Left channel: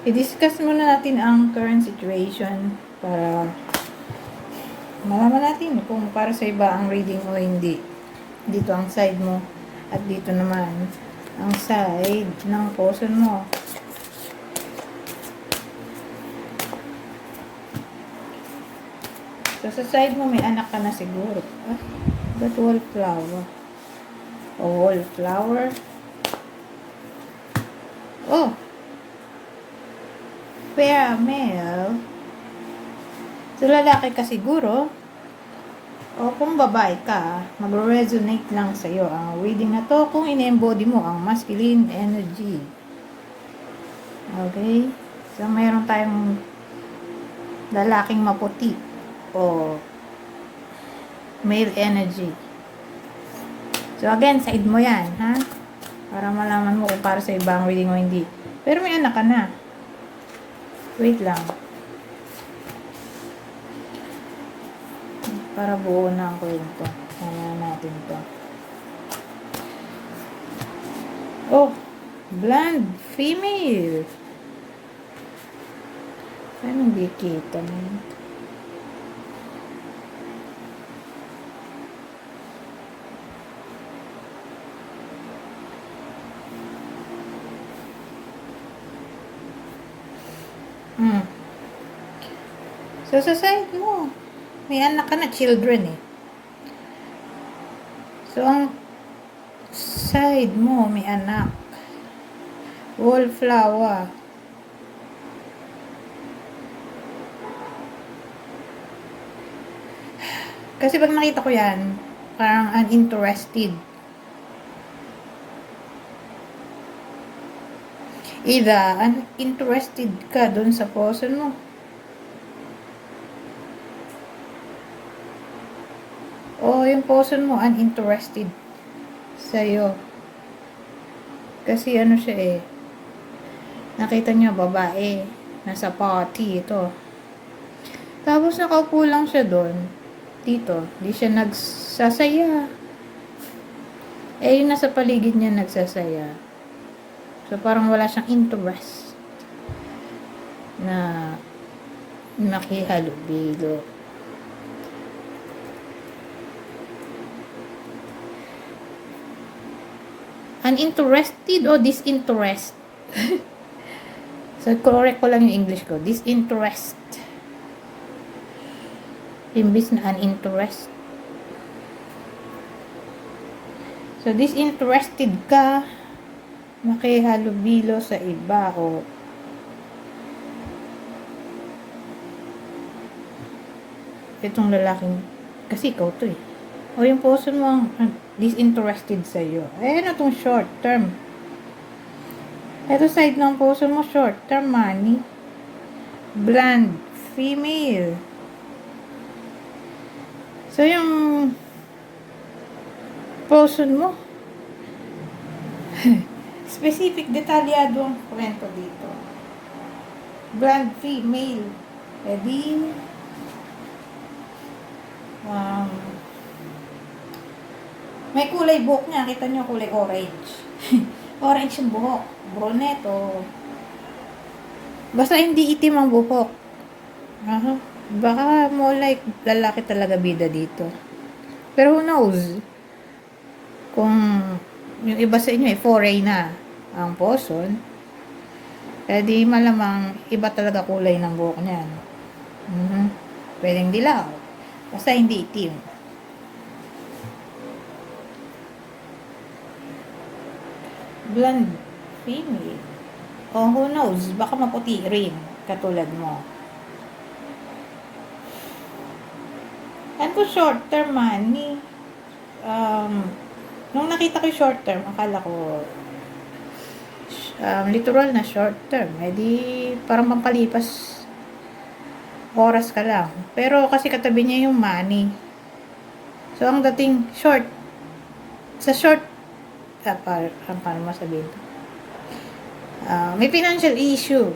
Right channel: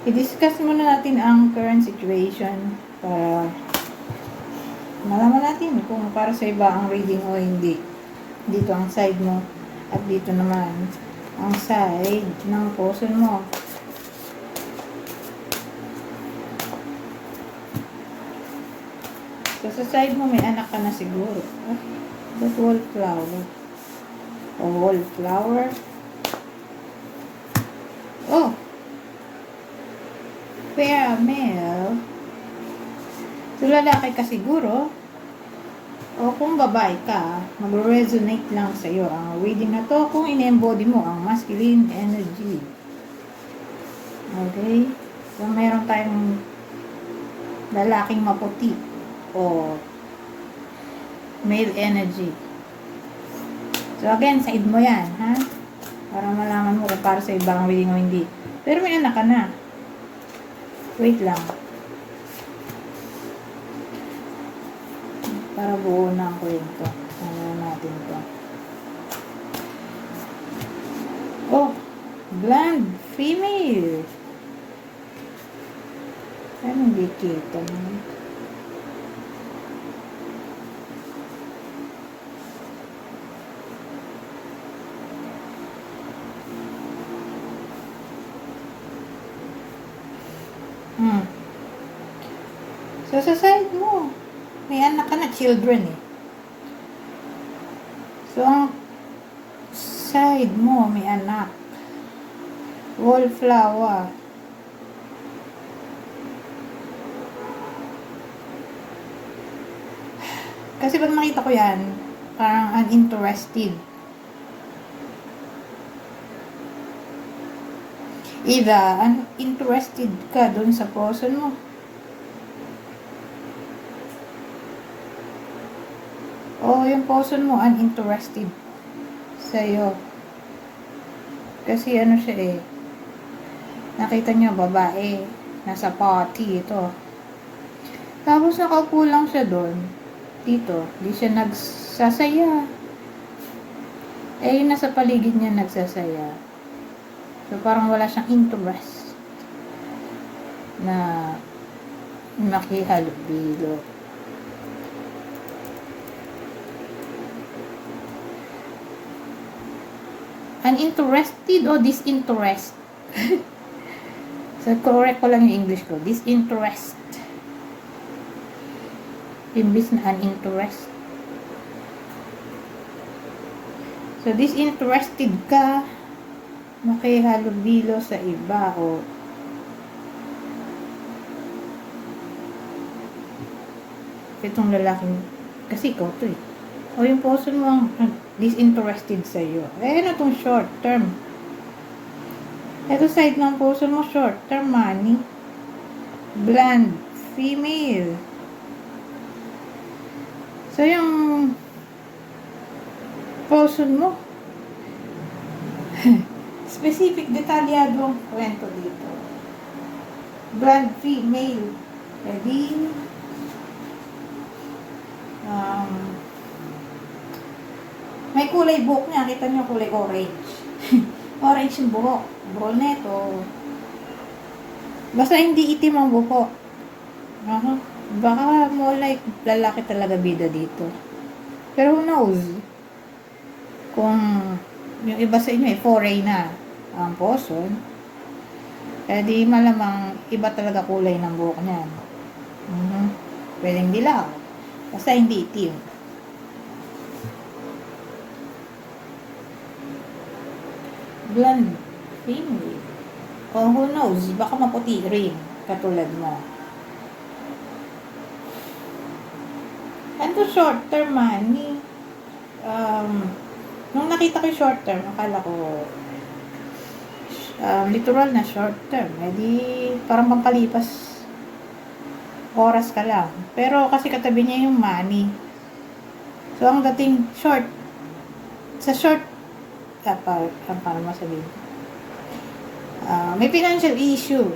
I-discuss muna natin ang current situation para malaman natin kung para sa iba ang reading o hindi. Dito ang side mo at dito naman ang side ng person mo. So, sa side mo may anak ka na siguro. That wallflower. Wallflower. Oh! Male. So, lalaki ka siguro. O kung babae ka, mag-resonate lang sa'yo ang reading na to kung in-embody mo ang masculine energy. Okay? So, meron tayong lalaking maputi o male energy. So, again, side mo yan, ha? Para malaman mo kung para sa ibang reading o hindi. Pero may anak ka na. Wait lang. Para buo na ang kwento. Tingnan natin to. Oh, blonde female. Anong di kita mo? So, sa side mo, may anak ka na, children eh. So, ang side mo, may anak. Wallflower. Kasi pag nakita ko yan, parang uninterested. Either uninterested ka dun sa person mo. O yung person mo uninterested sa'yo. Kasi ano siya eh. Nakita niyo babae. Nasa party ito. Tapos nakaupo lang siya doon. Dito. Di siya nagsasaya. Eh yung nasa paligid niya nagsasaya. So parang wala siyang interest na makihalubilo. Uninterested o disinterest? So, correct ko lang yung English ko. Disinterest. Imbis na uninterest. So, disinterested ka makihalubilo sa iba o itong lalaking kasi ikaw to eh. O yung person mo disinterested sa'yo. Eh, ano itong short term? Ito side ng person mo, short term money. Blonde, female. So, yung person mo, specific, detalyado ang kwento dito. Blonde, female. Pwede, may kulay buhok niya. Kita niyo kulay orange. Orange yung buhok. Buhok neto. Basta hindi itim ang buhok. Baka mo like lalaki talaga bida dito. Pero who knows? Kung yung iba sa inyo foray na ang person, eh di malamang iba talaga kulay ng buhok niya. Pwedeng dilaw. Basta hindi itim. Blonde female. Oh, who knows? Baka maputi rin. Katulad mo. And to short term money. Nung nakita ko short term, akala ko literal na short term. Eh di, parang pampalipas oras ka lang. Pero kasi katabi niya yung money. So, ang dating short, sa short, para masabihin. May financial issue.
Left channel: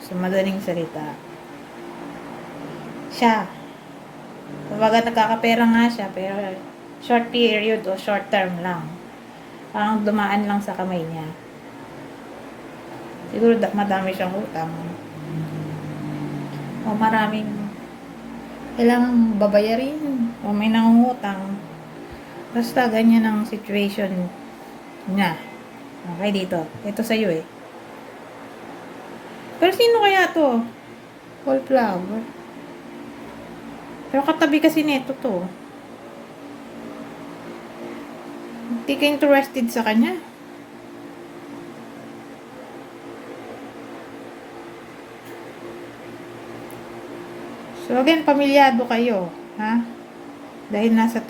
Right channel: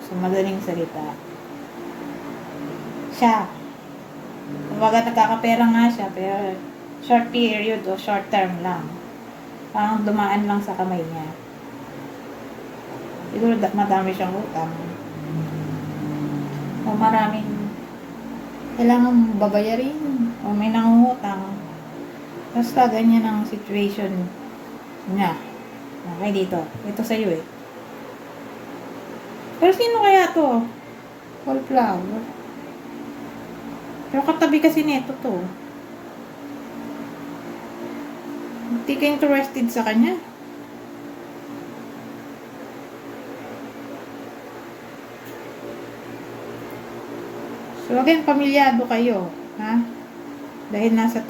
So, madaling salita. Siya. Kumbaga, nagkakapera nga siya, pero short period o short term lang. Parang dumaan lang sa kamay niya. Siguro madami siyang utang. O maraming kailangan babayarin. O may nangungutang. Basta ganyan ang situation niya. Okay, dito. Ito sa'yo eh. Pero sino kaya to? Wallflower. Pero katabi kasi nito to. Hindi ka interested sa kanya. So again, pamilyado kayo, ha? Dahil nasa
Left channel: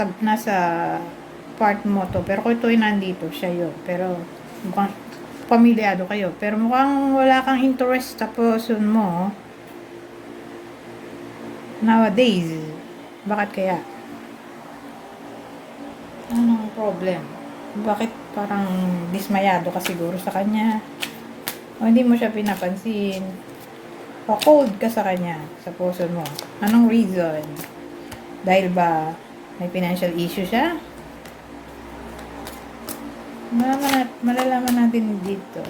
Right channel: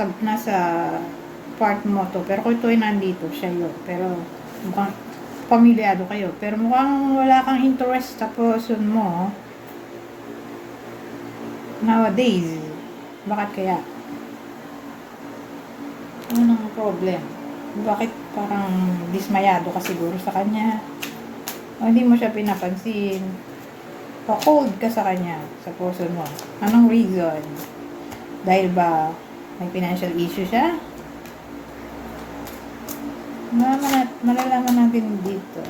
part mo to. Pero kung ito ay nandito, siya yun. Pero mukhang pamilyado kayo. Pero mukhang wala kang interest sa person mo. Nowadays. Bakit kaya? Anong problem? Bakit parang dismayado ka siguro sa kanya? O hindi mo siya pinapansin? O cold ka sa kanya, sa person mo? Anong reason? Dahil ba may financial issue siya? Malalaman natin dito.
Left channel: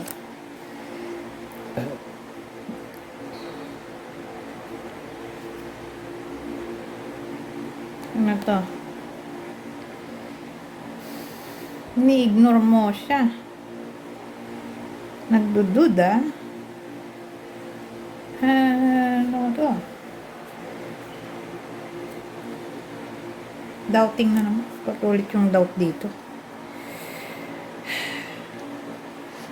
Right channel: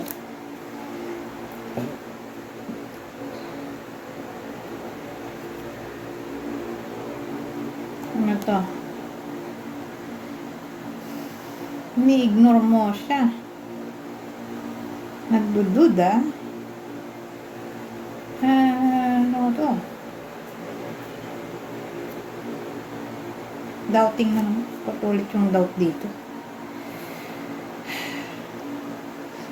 Ano to? Ni-ignore mo siya. Nagdududa. Ano to? Doubting na naman. Patulit yung doubt dito.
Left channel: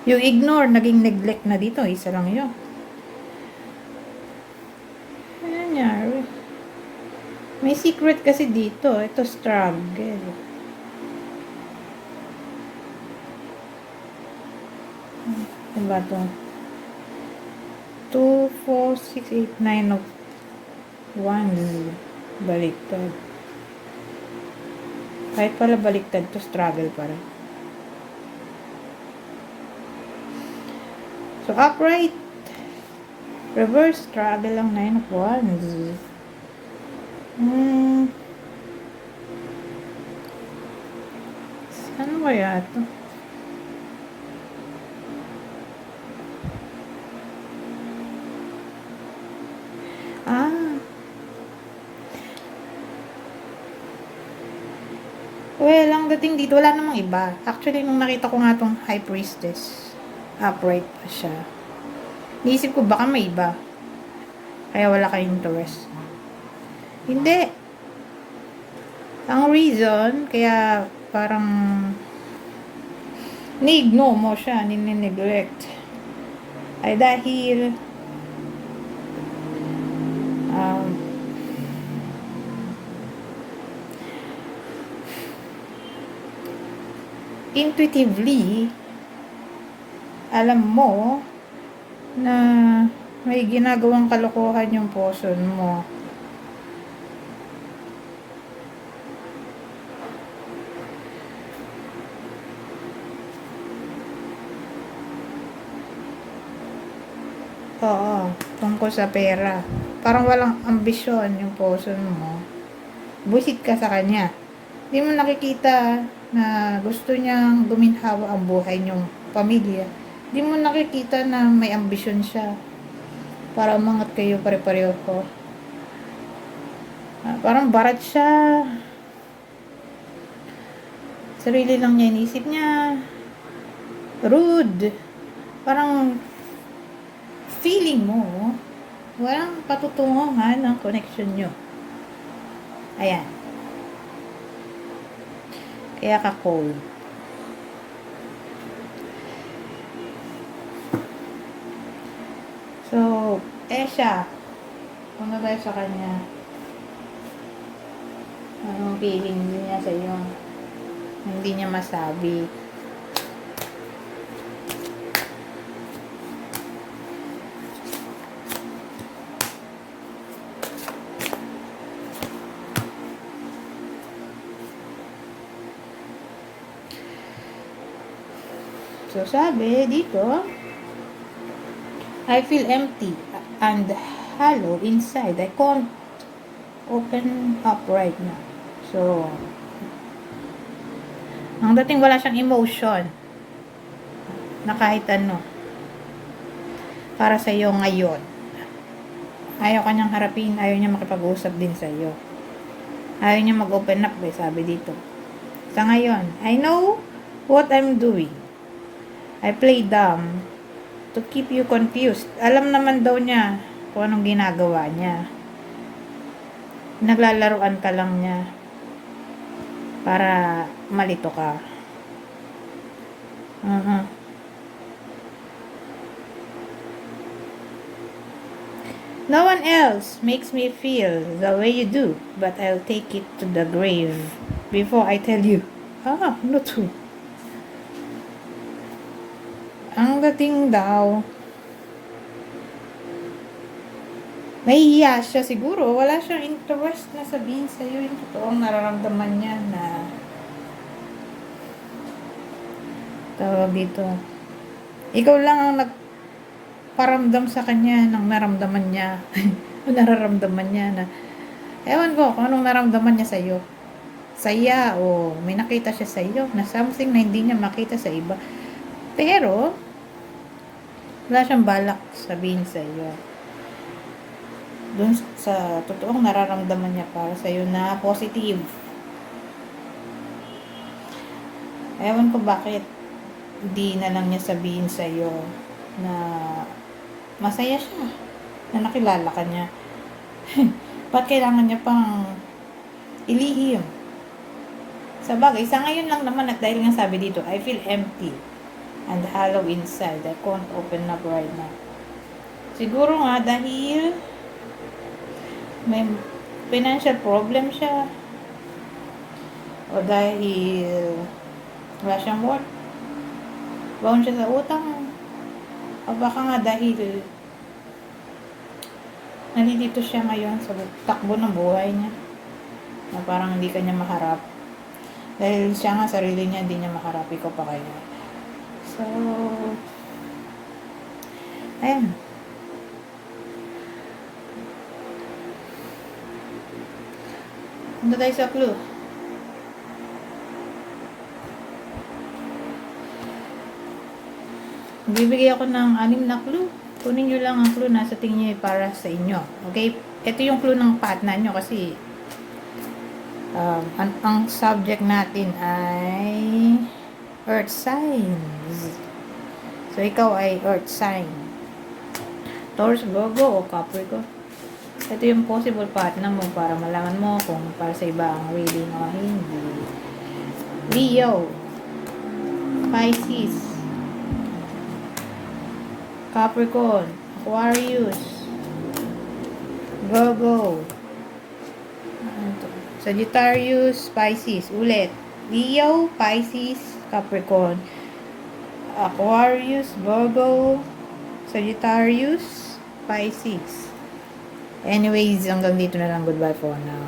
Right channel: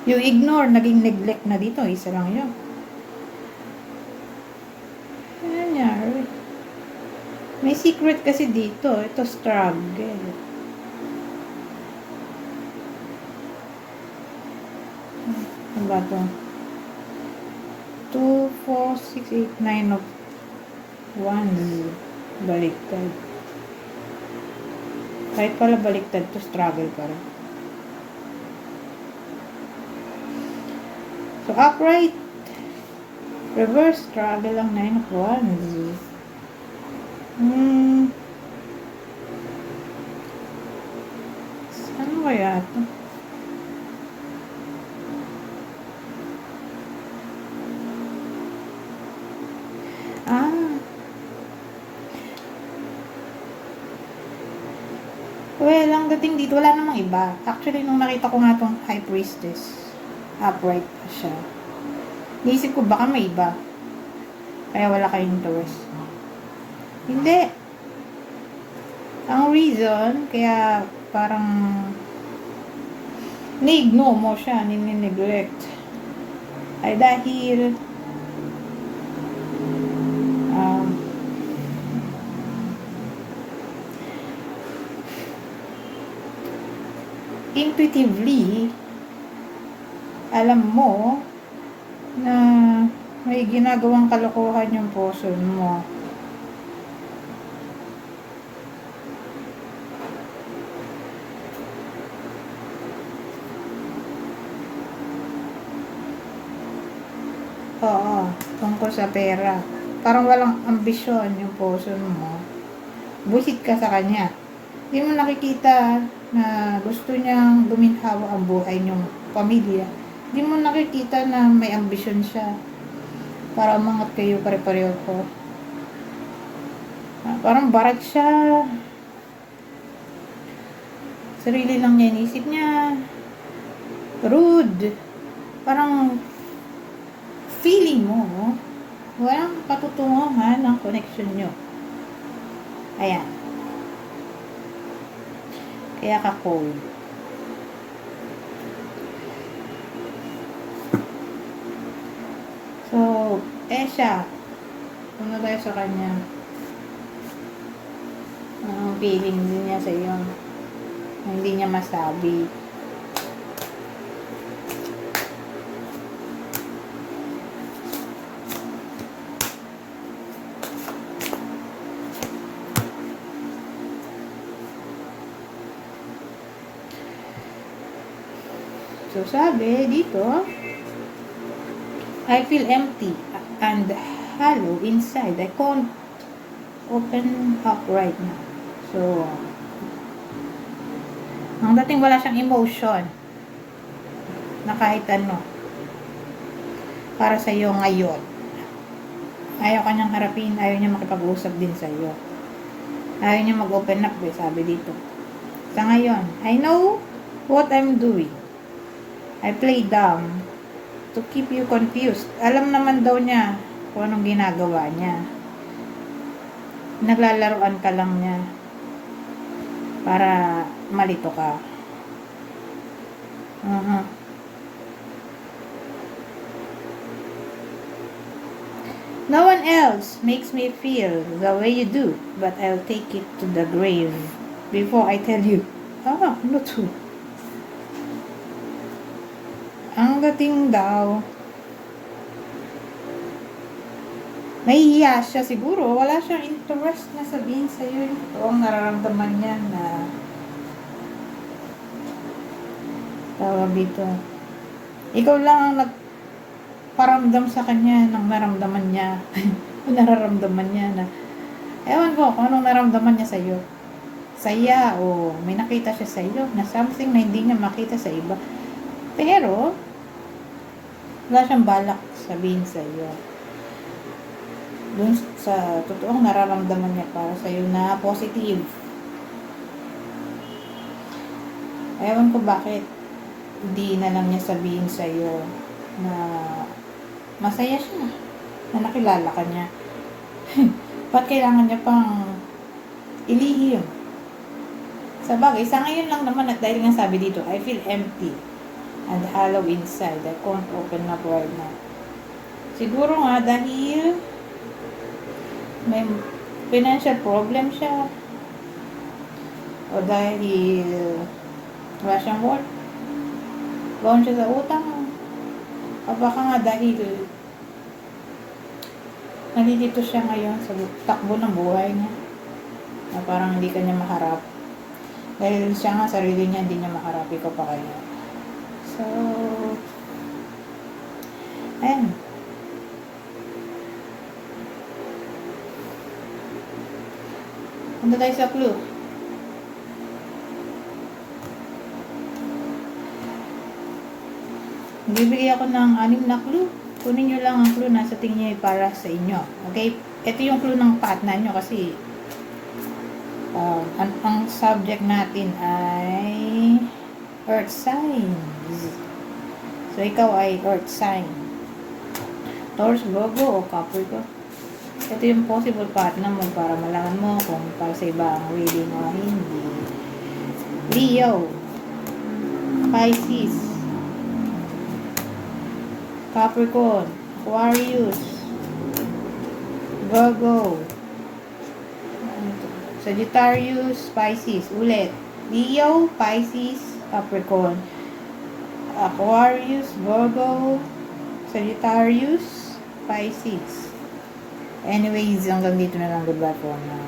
Yung ignore, naging neglect na dito. Isa lang yun. Nangyari. May secret kasi dito. Ito struggle. Ano ba ito? 2, 4, 6, 8, 9 of wands. Baliktad. Kahit pala baliktad to, struggle pala. So, upright. Reverse, struggle lang, 9 of wands. Ano kaya ito? Well, ang dating dito, wala namang iba. Actually, nung nakita ko nga tong High Priestess, upright pa siya. Niisip ko, baka may iba. Kaya wala kayong interest. Hindi. Ang reason, kaya parang ni-ignore mo siya, ni-neglect, ay dahil intuitively, alam mo na may ginagawang kalokohan yung person mo. Oo, tungkol sa pera. Parang walang ambisyon yung person mo. Busit ka sa kanya. Hindi mo nakikita na gusto niyang guminhawa ang buhay niyong pamilya. Hindi mo nakikita na may ambisyon siya para umangat kayo pare-pareho ko. Parang barat siya. Sarili lang niya inisip niya. Rude. Parang feeling mo, walang patutunguhan ng connection nyo. Ayan. Kaya ka cold. So, siya. Ano tayo sa kanya? Ang feeling din niya sa iyo. Hindi niya masabi. So, sabi dito, I feel empty and hollow inside. I can't open up right now. So, ang dating wala siyang emotion na kahit ano. para sa iyo ngayon. Ayaw kanyang harapin, ayaw niya makipag-usap din sa iyo. Ayaw niya mag-open up, sabi dito. Sa ngayon, I know what I'm doing. I play dumb to keep you confused. Alam naman daw niya kung anong ginagawa niya. Naglalaroan ka lang niya para malito ka. No one else makes me feel the way you do, but I'll take it to the grave before I tell you. Ano to? Ang dating daw, nahihiya siya siguro. Wala siyang interest na sabihin sa'yo. Ito ang nararamdaman niya na tawag dito. Ikaw lang ang nagparamdam sa kanya ng naramdaman niya. Nararamdaman niya na ewan ko kung anong naramdaman niya sa'yo. Saya o may nakita siya sa'yo na something na hindi niya makita sa iba. Pero wala siyang balak sabihin sa'yo. Dun sa totoong nararamdaman niya para sa'yo na positive. Ewan ko bakit hindi na lang niya sabihin sa'yo na masaya siya na nakilala ka niya. Ba't kailangan niya pang ilihim? Sa bagay, sa ngayon lang naman at dahil nga sabi dito, I feel empty and hollow inside. I can't open up right now. Siguro nga dahil may financial problem siya o dahil wala siyang work, baon siya sa utang, o baka nga dahil nalilito siya ngayon sa takbo ng buhay niya na parang hindi kanya maharap dahil siya nga sarili niya hindi niya maharap, ikaw pa kayo. So ayun, punta tayo sa clue. Bibigay ako ng 6 na clue. Kunin nyo lang ang clue na sa tingin niyo para sa inyo. Okay? Ito yung clue ng partner nyo kasi ang subject natin ay earth signs. So, ikaw ay earth sign. Taurus, Virgo, o Capricorn. Ito yung possible partner mo para malaman mo kung para sa iba ang reading o hindi. Leo, Pisces, Capricorn, Aquarius, Virgo, Sagittarius, Pisces. Ulit. Leo, Pisces, Capricorn, Aquarius, Virgo, Sagittarius, Pisces. Anyways, hanggang dito na lang. Goodbye for now.